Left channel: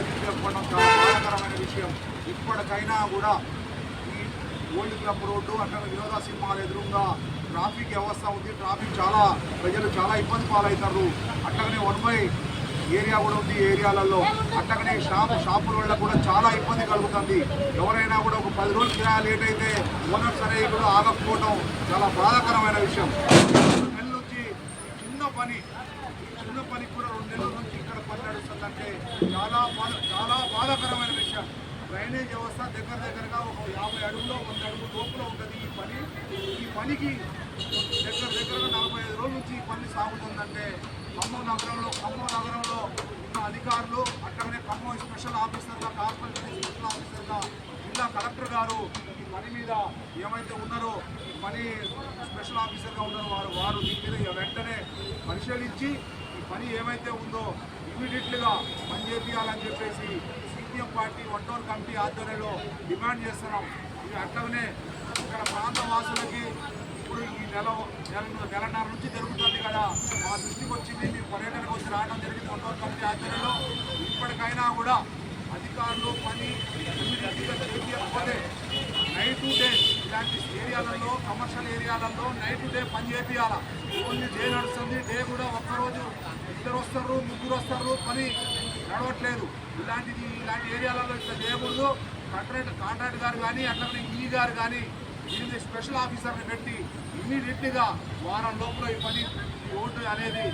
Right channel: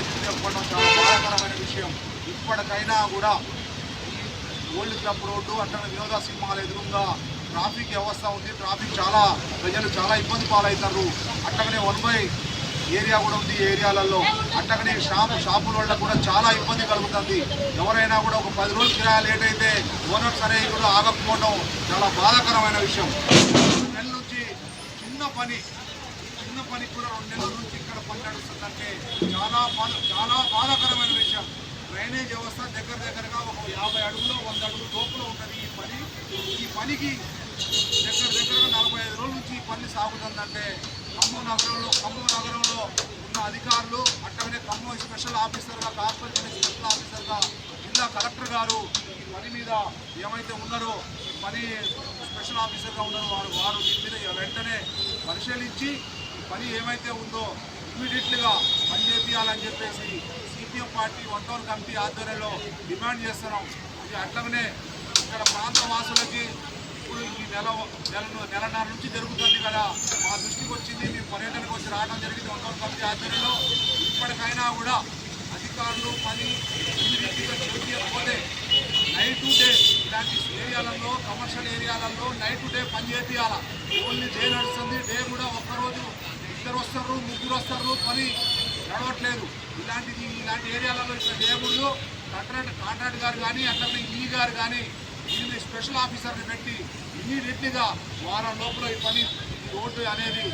మ్యాచ్లు చెప్పడం చాలా బాధాకరమైన విషయం. ఇప్పటికైనా కూడా ఈ ఓల్డ్ క్లబ్ రోడ్డు అట్లా వినోద సినిమాల ఎదురుగా ట్రాఫిక్ వ్యవస్థ ఉంది. ట్రాఫిక్ ప్రజలు చాలా ఇబ్బంది పాలవుతారు. అట్లాగనే 1 ఏరియా కూడా ఉంది. ఈ ఏరియాలలో అట్లాగనే షాపుల వల్ల కూడా చాలా ఇబ్బంది కలుగుతుంది. ఎవరైనా కూడా ఒక 10 రోజులు కిరాయి లేట్ అయితే ఓనర్స్ అనేవి కూడా ఆగకపోవడం చాలా బాధాకరమైన విషయం. 2 నెలల నుంచి చిన్న పని కూడా 2 నెలల నుంచి ఇక్కడ పని నడుస్తుందంటే చాలా బాధాకరమైన విషయం. డ్రైనేజ్ వ్యవస్థ దగ్గరగా ఒక 50 అడుగులో 100 అడుగుల లోపల ఉంటుంది. ఈ పనికి దగ్గరగా 45 రోజుల నుంచి ఈ పని సాగుతుందంటే ఖమ్మం నగరంలో ఉన్న అధికారులు అట్లాగనే ఖమ్మం స్పెషల్ ఆఫీసర్గా, కార్పొరేషన్ స్పెషల్ ఆఫీసర్గా జిల్లా కలెక్టర్ గారు ఈ పని మీద ఏమైతే ఉన్నారో ఈ పని స్పెషల్ ఆఫీసర్గా ఉన్నారో వారు దీని మీద వెంటనే పరిశీలించి ఈ పని ఏమైతే ఉందో ఇమీడియట్లీగా పని చేయాలని చెప్పేసి సిపిఎం పార్టీ 1 టౌన్ కమిటీ ఆధ్వర్యంలో డిమాండ్ చేస్తున్నాం. ఇది అట్లాగనే ఇక్కడ ప్రాంత వాసులకి ఇప్పుడు ఈ నెలన్నర నుంచి జరుగుతుంది కదా, మా దృష్టికి వచ్చింది. మేము పర్యటనకు వచ్చి రావడం జరిగింది 1 టౌన్ కమిటీ ఆధ్వర్యంలో. ఇప్పటికైనా కూడా అధికారులు పని ఇమీడియట్గా చేయకపోతే నైట్ టు డే ఇలాంటి ఏరియాలలో, కమర్షియల్ ఏరియాలలో నైట్ టు డే పని చేయాలా. ఓన్లీ డే నడుస్తుంది. డే కూడా ఒక్కరోజు 2 వస్తారు, 3 వస్తారు, పని నడవట్లేదు. ఇలాంటి ఏరియాలలో ఇట్లా చేయకూడదు. కాంట్రాక్ట్ గారు కానీ అట్లనే ఈ గారు కానీ దీన్ని స్పెషల్ ఆఫీసర్ని పెట్టి ఇమ్మీడియట్లీగా వారం లోపల ఈ రోడ్డు అనేది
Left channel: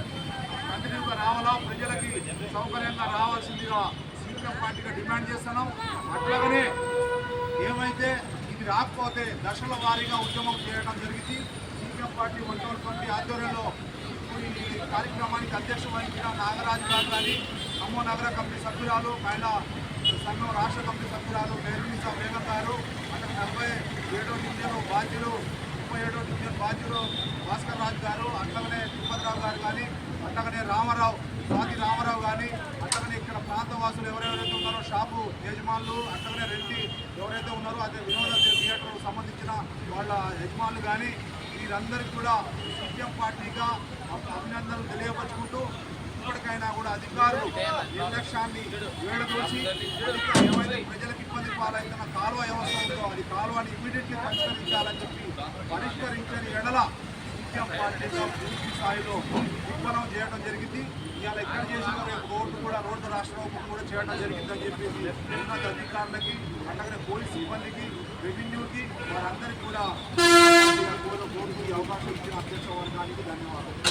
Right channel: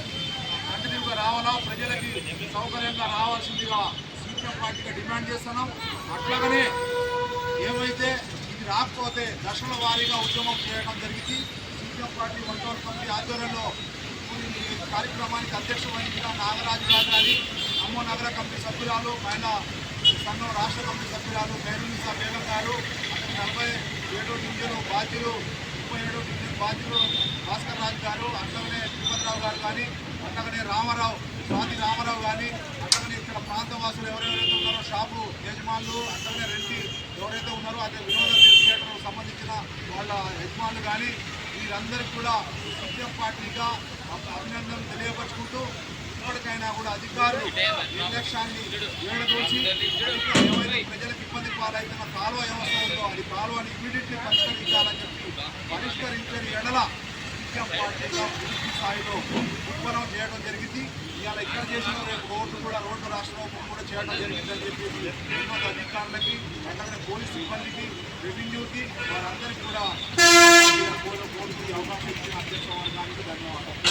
కంటిన్యూగా రావాలా, ప్రజలకి సౌకర్యంగా రావాల్సిందిగా సిపిఎం పార్టీగా డిమాండ్ చేస్తున్నాం. అట్లాగనే ఏమైతే ఇది రాకపోతే దశల వారీగా ఉద్యమం చేయడం జరిగింది. సిపిఎం పార్టీ 1 టౌన్ కమిటీ ఆధ్వర్యంలో ఈ కార్యక్రమానికి అధ్యక్షత వహించిన నాగరాజు గారు కానీ, ఖమ్మం నగర కమిటీ సభ్యురాలు, మహిళా సంఘం రాష్ట్ర కమిటీ సభ్యురాలు బేరునిసా బేగం గారు, అట్లా 47వ డివిజన్ బాధ్యులు, 37వ డివిజన్ బాధ్యులు భాస్కర్ రాజు గారు, అట్లాగనే తిరుపతిరావు గారు కానీ, అట్లాగనే స్వాతి రామారావు కానీ, అట్లాగనే ఇక్కడ ప్రాంతవాసులు ఎవరెవరైతే ఉన్నారో షాపు యజమానులు, అట్లాగనే రెంటి ఎవరైతే ఉన్నారో అదే వినోద థియేటర్ సంబంధించిన వాళ్ళ యజమానులు కానీ వీరందరికీ కూడా సిపిఎం పార్టీగా అభినందనలు తెలియపరుచుకుంటూ ఇప్పటికైనా కూడా అధికారులు నిర్లక్ష్యాన్ని ఏడదోచి ఏమైతే ప్రజలకు ఇబ్బంది పాలవుతున్న కాలువ వ్యవస్థ ఉందో అది కాలువని ఇమీడియట్లీ పరిష్కరించని ఎడల సిపిఎం పార్టీగా పూర్తి స్థాయిలో ఉద్యమం చేయడం జరిగింది. ఇవాళ ఇక్కడ చేసిన రేపు రోడ్డు రాష్ట్ర కూడా చేయడం జరిగిందని చెప్పేసి ఉన్నత అధికారులకి, అట్లాగే పోలీస్ సిబ్బందికి, రెవెన్యూకి వారందరికీ కూడా కోరుకు అవకాశం ఇచ్చిన అధ్యక్ష వర్గానికి ధన్యవాదాలు.